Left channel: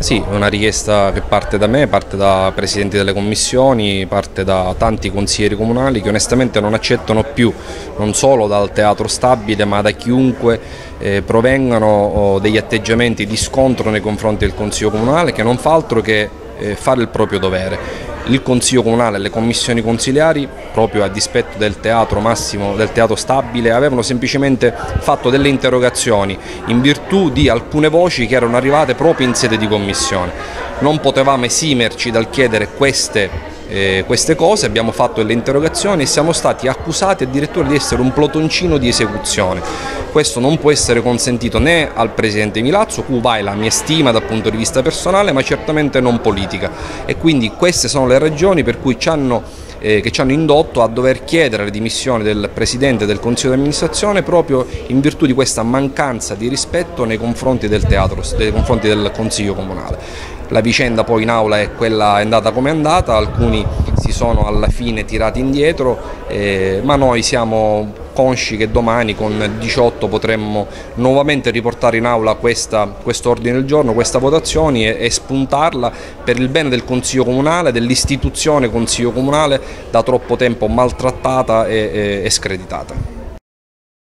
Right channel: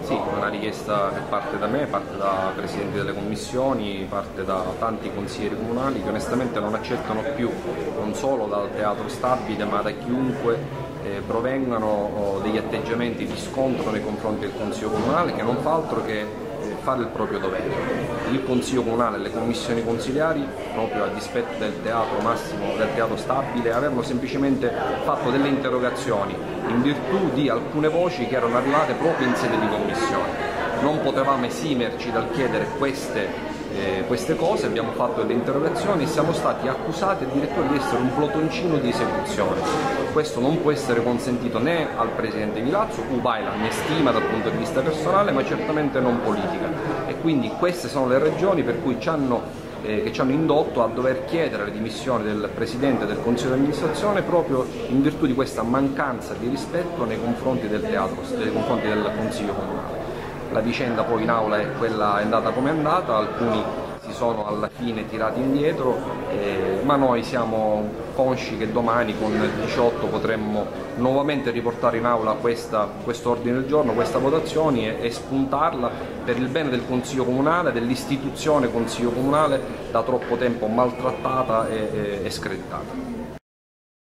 Sì, è una richiesta che parte da me, parte da presidenti delle commissioni, parte da tanti consiglieri comunali che onestamente non accettano più, non solo dal Teatro Stabile, ma da chiunque provengano degli atteggiamenti di scontro nei confronti del Consiglio Comunale, che non fa altro che fare il proprio dovere. Il Consiglio Comunale e le commissioni consiliari, proprio a dispetto del Teatro Massimo, del Teatro Stabile, avevano semplicemente fatto delle interrogazioni in virtù di alcune voci che erano arrivate proprio in sede di commissione. Non potevamo esimerci dal chiedere queste cose, abbiamo fatto delle interrogazioni e siamo stati accusati addirittura di essere un plotoncino di esecuzione. Questo non può essere consentito né al Presidente Milazzo, cui vai la mia stima dal punto di vista personale, ma certamente non politica. E quindi queste sono le ragioni per cui che ci hanno indotto a dover chiedere le dimissioni del Presidente del Consiglio di amministrazione proprio in virtù di questa mancanza di rispetto nei confronti del teatro, nei confronti del Consiglio Comunale. La vicenda poi in aula è andata come è andata, alcuni si sono alla fine tirati indietro, ma noi siamo consci che domani con 18 potremmo nuovamente riportare in aula questo ordine del giorno, questa votazione e spuntarla per il bene del Consiglio Comunale, dell'istituzione Consiglio Comunale da troppo tempo maltrattata e screditata.